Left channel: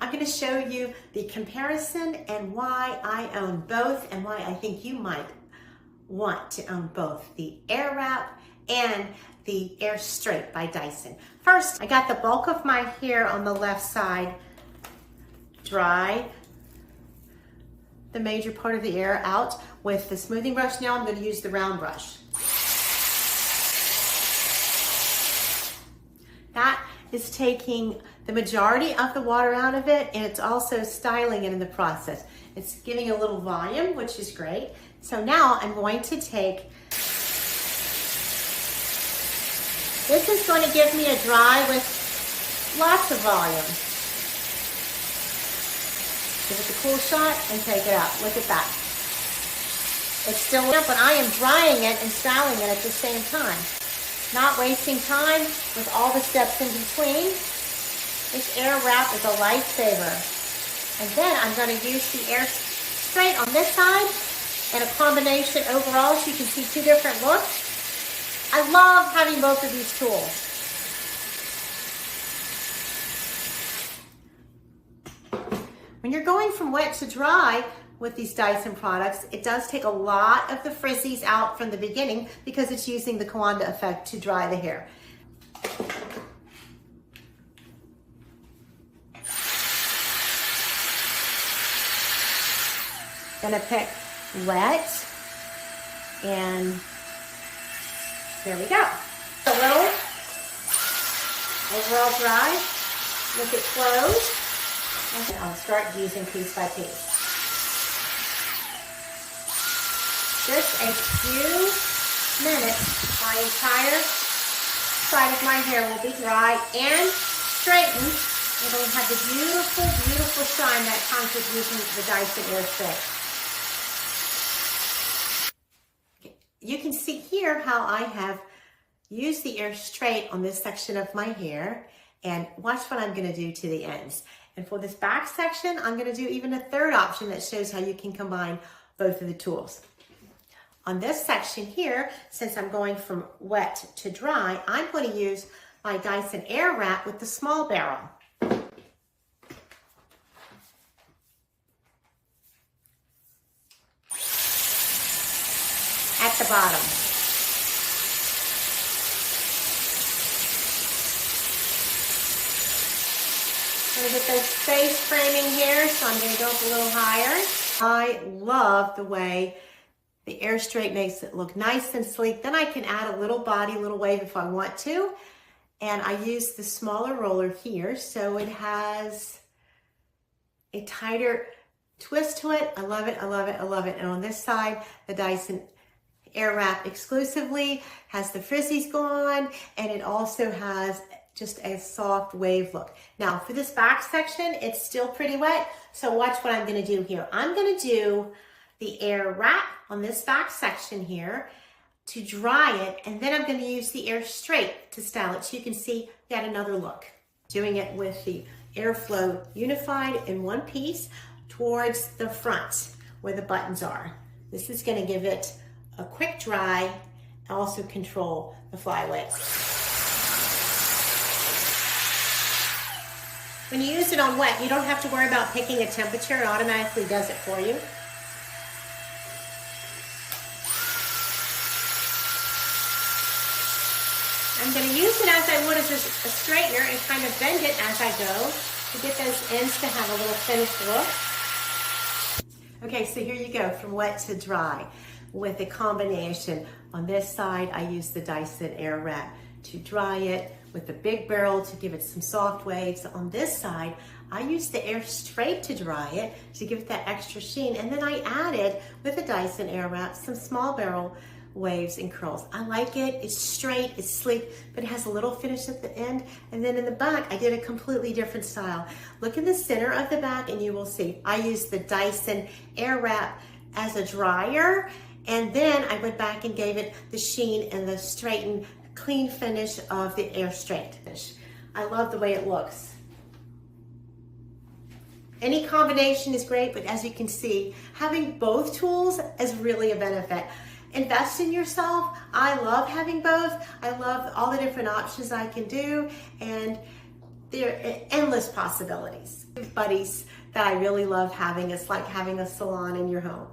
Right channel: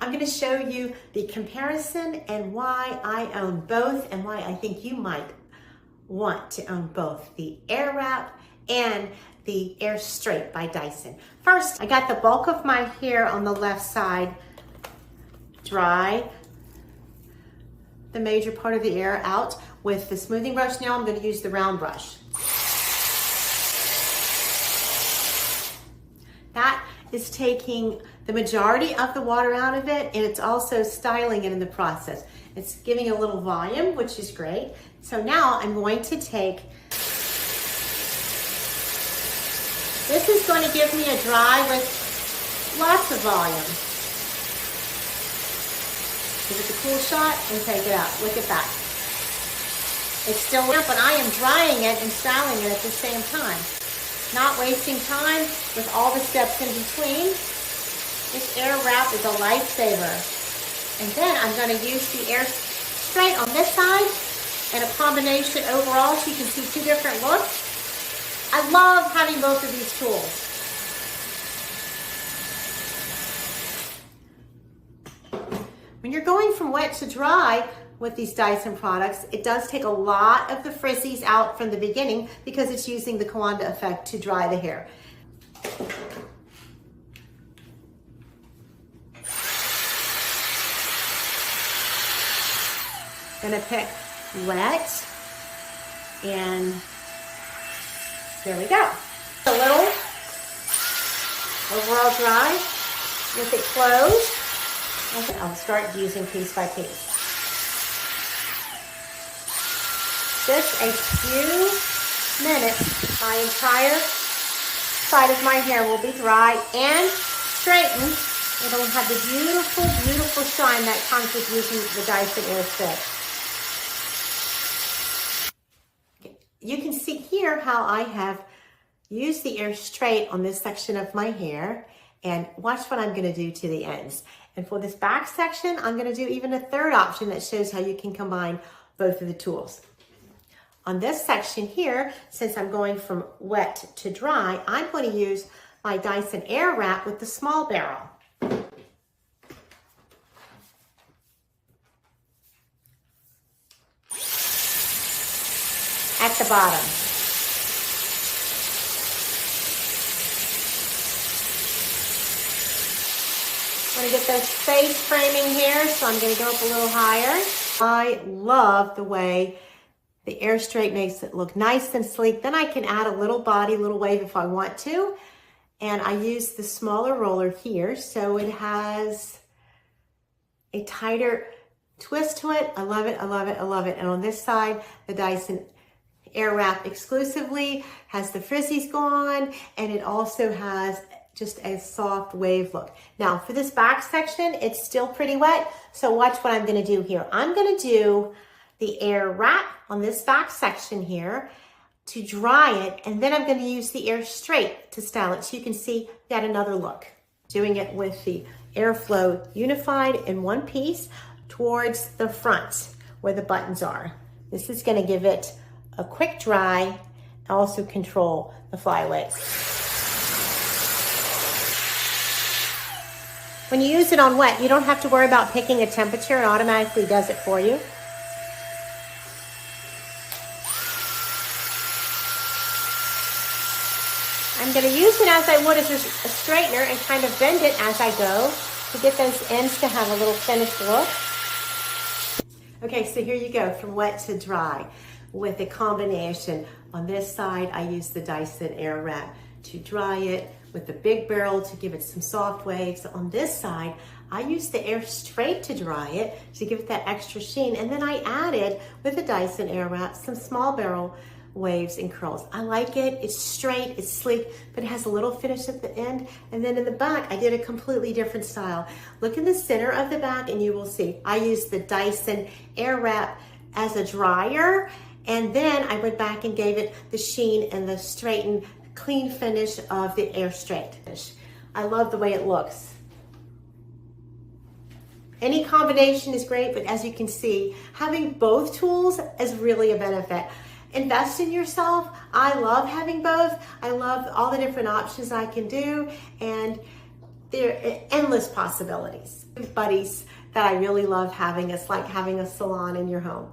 I'm going to show you the comparison and why I own both and why I think you might want to own both the AirWrap and the AirStraight by Dyson. First, I got the bulk of my hair on the left side dry, the major part of the air out with the smoothing brush. Now I'm going to use the round brush. That is taking the majority of the water out of it, and it's also styling it in the process. It's giving a little volume, which is great. So now I'm going to take, this is going to give me a dry with lots of volume. Give it a cool shot and take it out. Look at that. It's still damp, but I am drying it and styling it at the same time. Not wasting time with all the steps in between. This AirWrap is a lifesaver. And then I'm going to use the AirStraight on this side and a combination overall so you can see two different looks. I love having both of these tools. When you're going from wet to dry with these Dyson products, it does take a lot of the frizzies out from the beginning because it's using the Kawanda effect to dry the hair. Gonna pick wet, and there we go. A little overall dry with it closed. I'll start using piece by piece. Just a few minutes, my entire side of my hair will be dry and straightened. It'll have the beautiful, beautiful shine that comes with using the Dyson AirStraight. You can see here how I have used the AirStraight on this section of my hair, and watch what I'm going to do to the ends. And for this back section, I'm going to do even a third option that shows how you can combine both of the tools. On this section here, since I'm going from wet to dry, I'm going to use my Dyson AirWrap with the small barrel. At the bottom. I'm going to get those face framing here, so I'm going to go up a little higher. I love the way the AirStraight makes it look nice and sleek. Then I can add a little body, little wave if I want to. And I use the smaller roller here, so it has a tighter twist to it. I love it, I love it, I love it. And on this side, the Dyson AirWrap exclusively has the frizzies gone, and it also has just a soft wave look. Now for this back section, it's still pretty wet, so watch what I'm going to do here. I'm going to do the AirWrap on this back section here to dry it, and then I'm going to use the AirStraight to style it so you can see yet another look. Doing it with the airflow unified in one piece towards the front where the buttons are. This is going to give it a quick dry and also control the flyaways. When you use it on wet, you don't have to worry about picking a temperature. It automatically does it for you. I'm going to use it as I would as a straightener and kind of bend it as I go to get those ends to have a little finished look. Okay, so here you go, from wet to dry with a combination. On this side, I use the Dyson AirWrap to dry it with the big barrel to give it some soft waves. On this side, I use the AirStraight to dry it to give it that extra sheen. And then I added, with the Dyson AirWrap, some small barrel waves and curls. I like it. It's straight, it's sleek, but it has a little finish at the end. And then in the back, I did a completely different style. Look in the center of the back and you will see I used the Dyson AirWrap as a dryer, and then I went back and gave it the sheen and the straightened, clean finish of the AirStraight. I love the way it looks. Any combination is great, but as you can see, having both tools is really a benefit. Invest in yourself. I love having both. I love all the different options I can do, and there are endless possibilities. Buddies that I really love having. It's like having a salon in your home.